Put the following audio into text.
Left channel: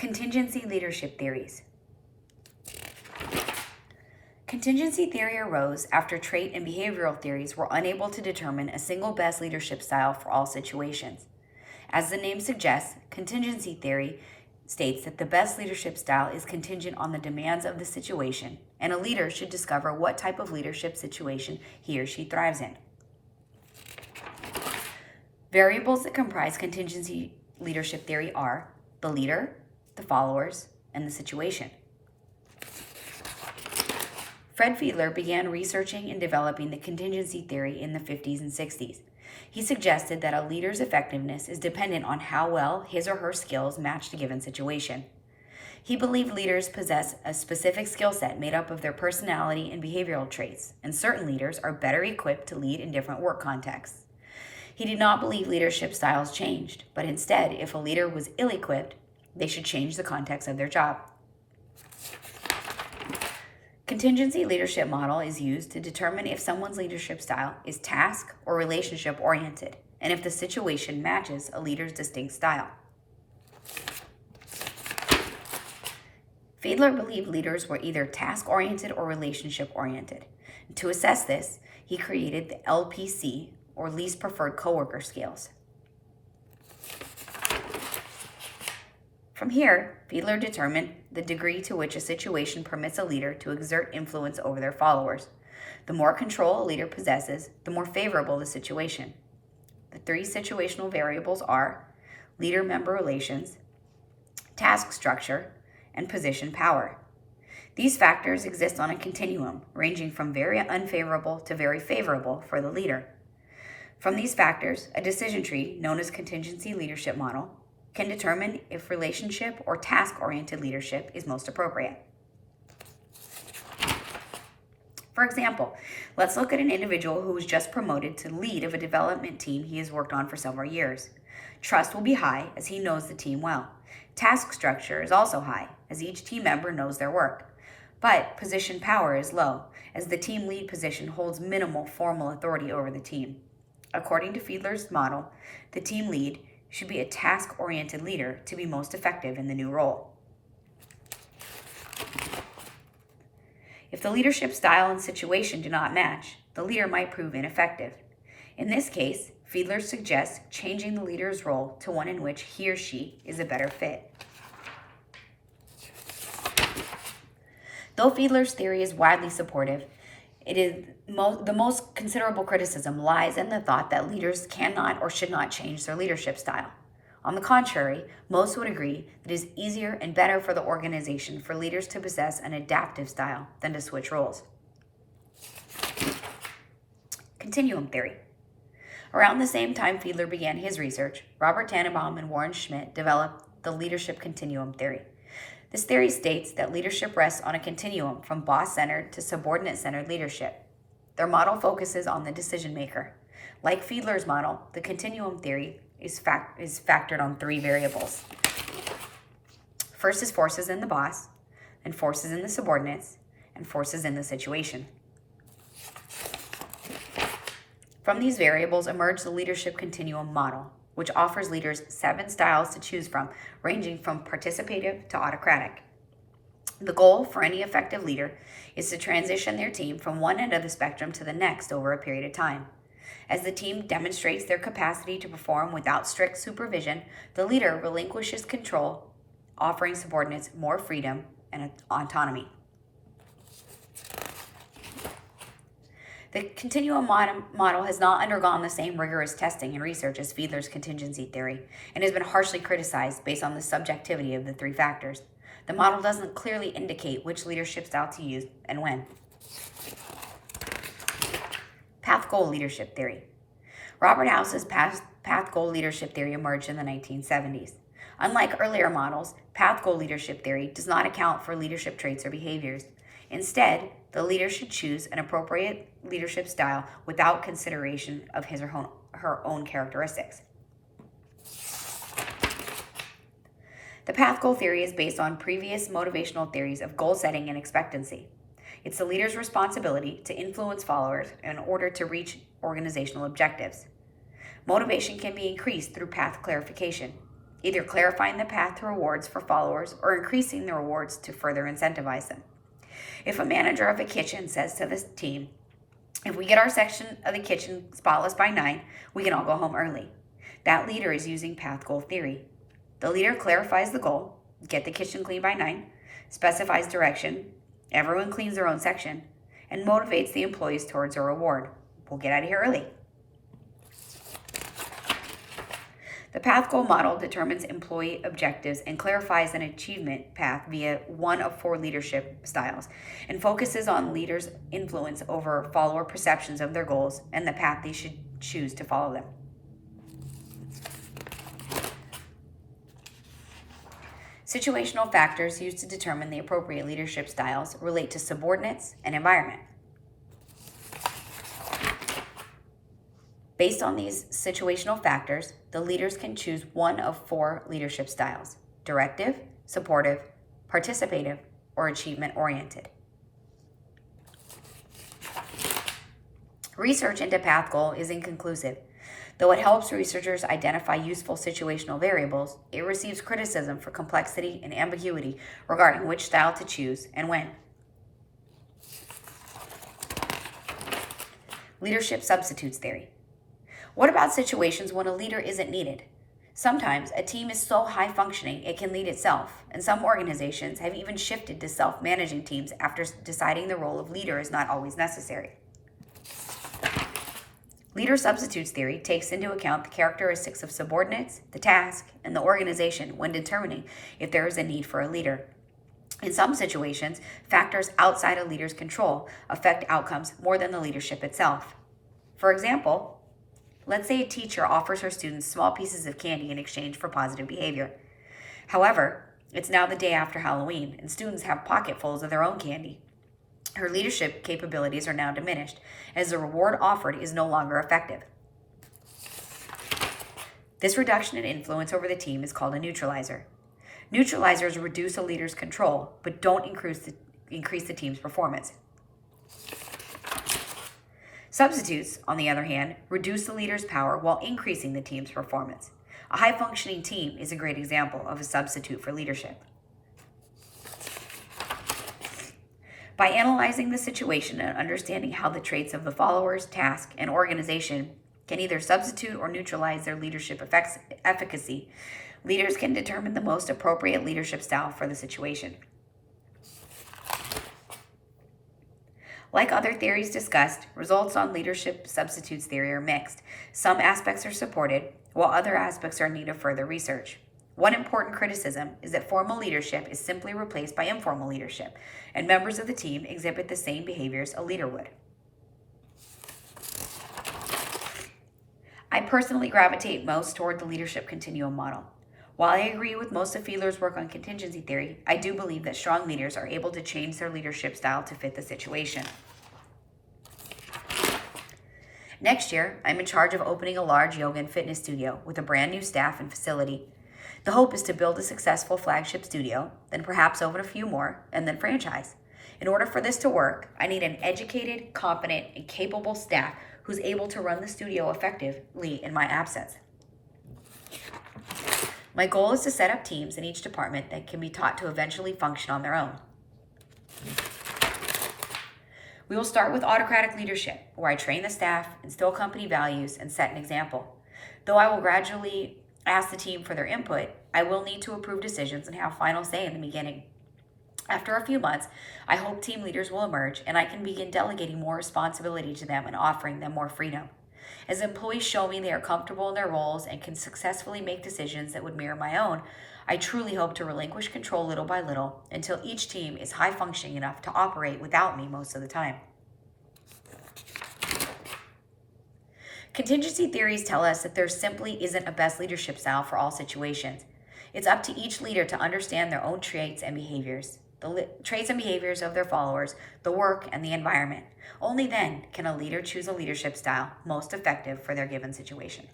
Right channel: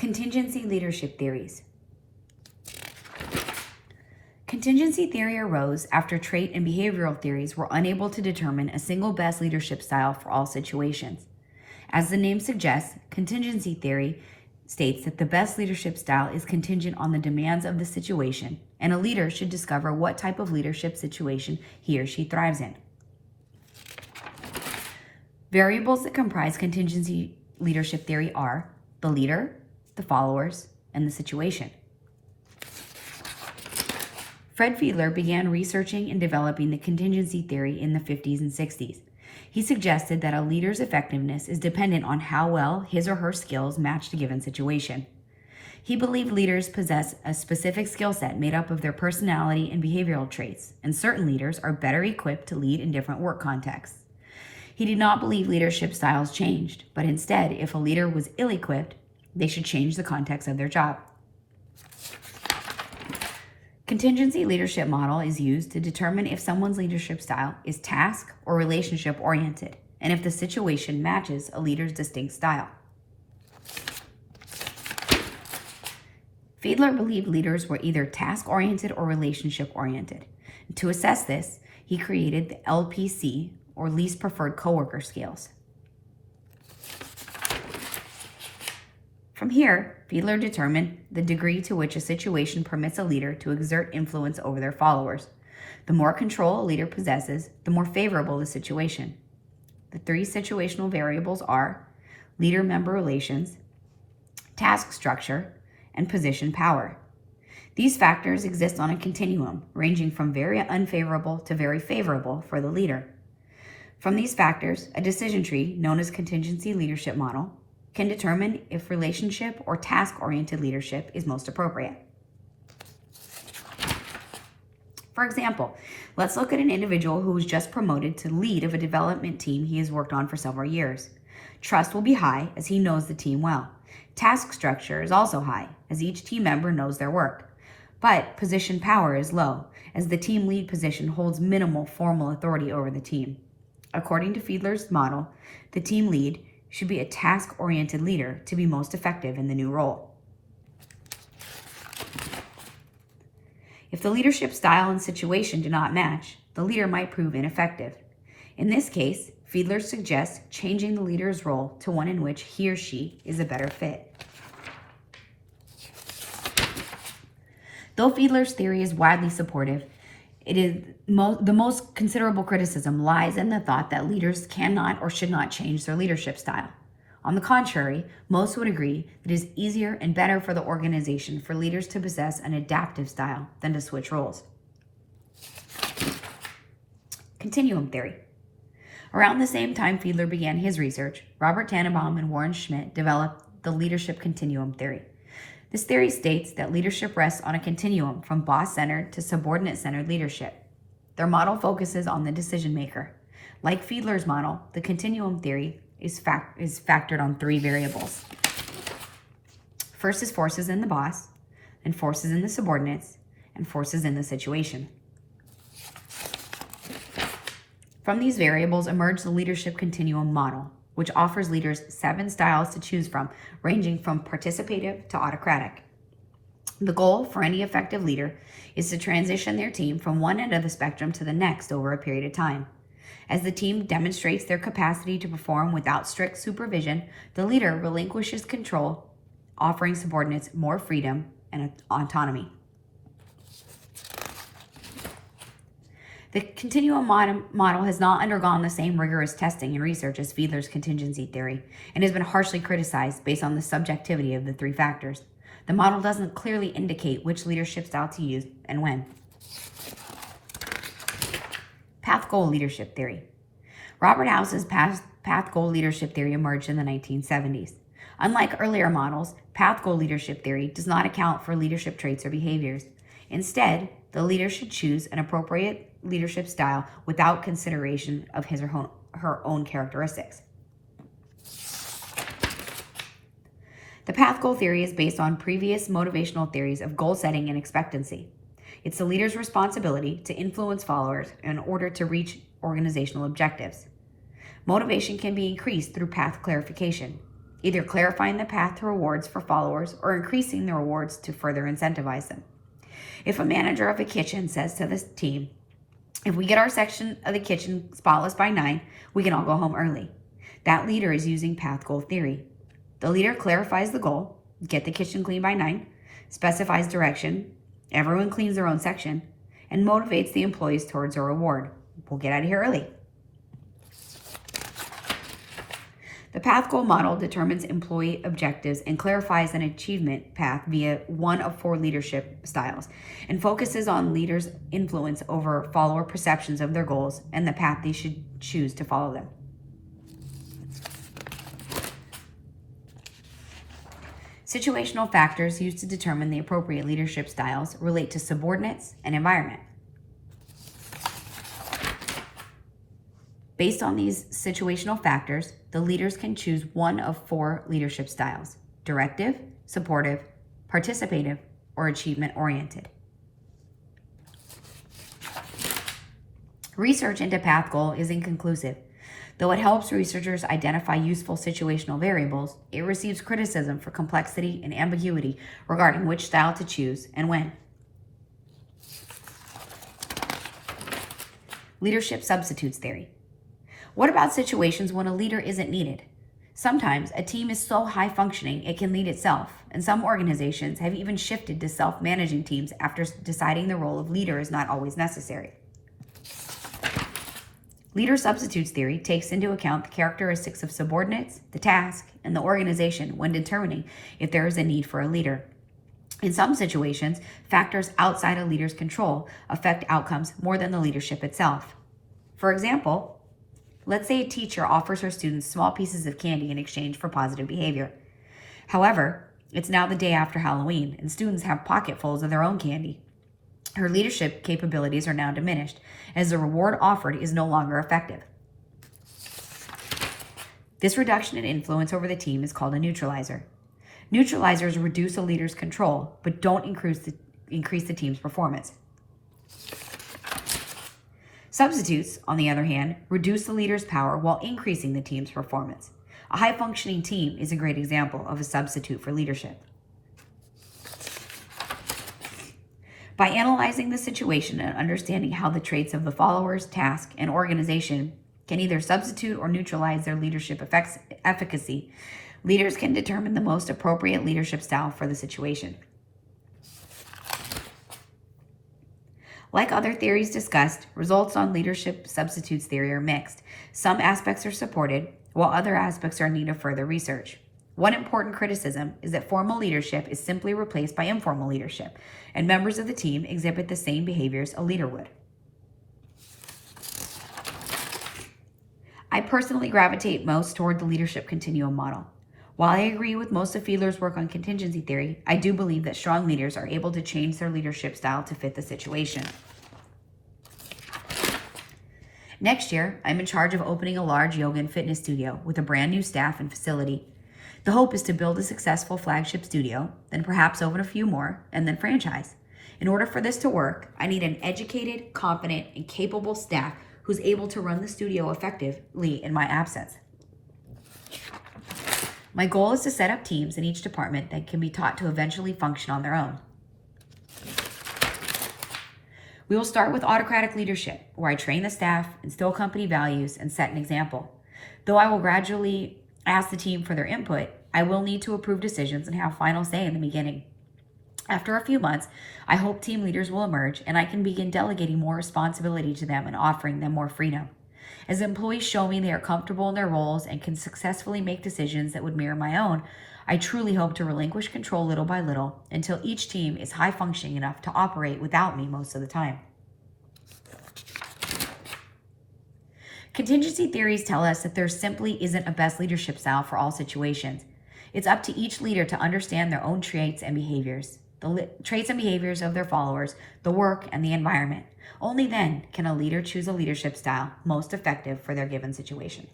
Contingency leadership theories. Contingency theory arose after trait and behavioral theories were unable to determine a single best leadership style for all situations. As the name suggests, contingency theory states that the best leadership style is contingent on the demands of the situation, and a leader should discover what type of leadership situation he or she thrives in. Variables that comprise contingency leadership theory are the leader, the followers, and the situation. Fred Fiedler began researching and developing the contingency theory in the 50s and 60s. He suggested that a leader's effectiveness is dependent on how well his or her skills match a given situation. He believed leaders possess a specific skill set made up of their personality and behavioral traits, and certain leaders are better equipped to lead in different work contexts. He did not believe leadership styles changed, but instead, if a leader was ill-equipped, they should change the context of their job. Contingency leadership model is used to determine if someone's leadership style is task or relationship oriented, and if the situation matches a leader's distinct style. Fiedler believed leaders were either task-oriented or relationship-oriented. To assess this, he created the LPC, or least preferred coworker scales. From here, Fiedler determined the degree to which a situation permits a leader to exert influence over their followers. The more control a leader possesses, the more favorable the situation. The three situational variables are leader-member relations, task structure, and position power. These factors exist on a continuum, ranging from very unfavorable to very favorable for the leader. From these factors, a decision tree, known as contingency leadership model, can determine if relationship or task-oriented leadership is most appropriate. For example, let's look at an individual who was just promoted to lead of a development team he has worked on for several years. Trust will be high as he knows the team well. Task structure is also high as each team member knows their work. But position power is low as the team lead position holds minimal formal authority over the team. According to Fiedler's model, the team lead should be a task-oriented leader to be most effective in the new role. If the leadership style and situation do not match, the leader might prove ineffective. In this case, Fiedler suggests changing the leader's role to one in which he or she is a better fit. Though Fiedler's theory is widely supportive, the most considerable criticism lies in the thought that leaders cannot or should not change their leadership style. On the contrary, most would agree that it is easier and better for the organization for leaders to possess an adaptive style than to switch roles. Continuum theory. Around the same time Fiedler began his research, Robert Tannenbaum and Warren Schmidt developed the leadership continuum theory. This theory states that leadership rests on a continuum from boss-centered to subordinate-centered leadership. Their model focuses on the decision maker. Like Fiedler's model, the continuum theory is factored on three variables. First is forces in the boss, then forces in the subordinates, and forces in the situation. From these variables emerged the leadership continuum model, which offers leaders 7 styles to choose from, ranging from participative to autocratic. The goal for any effective leader is to transition their team from one end of the spectrum to the next over a period of time. As the team demonstrates their capacity to perform without strict supervision, the leader relinquishes control, offering subordinates more freedom and autonomy. The continuum model has not undergone the same rigorous testing and research as Fiedler's contingency theory and has been harshly criticized based on the subjectivity of the 3 factors. The model doesn't clearly indicate which leadership style to use and when. Path-goal leadership theory. Robert House's path-goal leadership theory emerged in the 1970s. Unlike earlier models, path-goal leadership theory does not account for leadership traits or behaviors. Instead, the leader should choose an appropriate leadership style without consideration of his or her own characteristics. The path goal theory is based on previous motivational theories of goal setting and expectancy. It's the leader's responsibility to influence followers in order to reach organizational objectives. Motivation can be increased through path clarification. either clarifying the path to rewards for followers or increasing the rewards to further incentivize them. If a manager of a kitchen says to the team, if we get our section of the kitchen spotless by 9, we can all go home early. That leader is using path goal theory. The leader clarifies the goal, get the kitchen clean by 9, specifies direction, everyone cleans their own section, and motivates the employees towards a reward. We'll get out of here early. The path goal model determines employee objectives and clarifies an achievement path via one of 4 leadership styles and focuses on leaders' influence over follower perceptions of their goals and the path they should choose to follow them. Situational factors used to determine the appropriate leadership styles relate to subordinates and environment. Based on these situational factors, the leaders can choose one of 4 leadership styles: directive, supportive, participative, or achievement-oriented. Research into path goal is inconclusive. Though it helps researchers identify useful situational variables, it receives criticism for complexity and ambiguity regarding which style to choose and when. Leadership substitutes theory. What about situations when a leader isn't needed? Sometimes a team is so high functioning it can lead itself, and some organizations have even shifted to self-managing teams after deciding the role of leader is not always necessary. Leader substitutes theory takes into account the characteristics of subordinates, the task, and the organization when determining if there is a need for a leader. In some situations, factors outside a leader's control affect outcomes more than the leadership itself. For example, let's say a teacher offers her students small pieces of candy in exchange for positive behavior. However, it's now the day after Halloween, and students have pocketfuls of their own candy. Her leadership capabilities are now diminished, as the reward offered is no longer effective. This reduction in influence over the team is called a neutralizer. Neutralizers reduce a leader's control, but don't increase the team's performance. Substitutes, on the other hand, reduce the leader's power while increasing the team's performance. A high-functioning team is a great example of a substitute for leadership. By analyzing the situation and understanding how the traits of the followers, task, and organization can either substitute or neutralize their leadership efficacy, leaders can determine the most appropriate leadership style for the situation. Like other theories discussed, results on leadership substitutes theory are mixed. Some aspects are supported, while other aspects are in need of further research. One important criticism is that formal leadership is simply replaced by informal leadership, and members of the team exhibit the same behaviors a leader would. I personally gravitate most toward the leadership continuum model. While I agree with most of Fiedler's work on contingency theory, I do believe that strong leaders are able to change their leadership style to fit the situation. Next year, I'm in charge of opening a large yoga and fitness studio with a brand new staff and facility. The hope is to build a successful flagship studio, then perhaps open a few more, and then franchise. In order for this to work, I need an educated, confident, and capable staff who's able to run the studio effectively in my absence. My goal is to set up teams in each department that can be taught to eventually function on their own. We will start with autocratic leadership, where I train the staff, instill company values, and set an example. Though I will gradually ask the team for their input, I will need to approve decisions and have final say in the beginning. After a few months, I hope team leaders will emerge and I can begin delegating more responsibility to them and offering them more freedom. As employees show me they are comfortable in their roles and can successfully make decisions that would mirror my own, I truly hope to relinquish control little by little until each team is high functioning enough to operate without me most of the time. Contingency theories tell us that there simply isn't a best leadership style for all situations. It's up to each leader to understand their own traits and behaviors, the traits and behaviors of their followers, the work, and the environment. Only then can a leader choose a leadership style most effective for their given situation.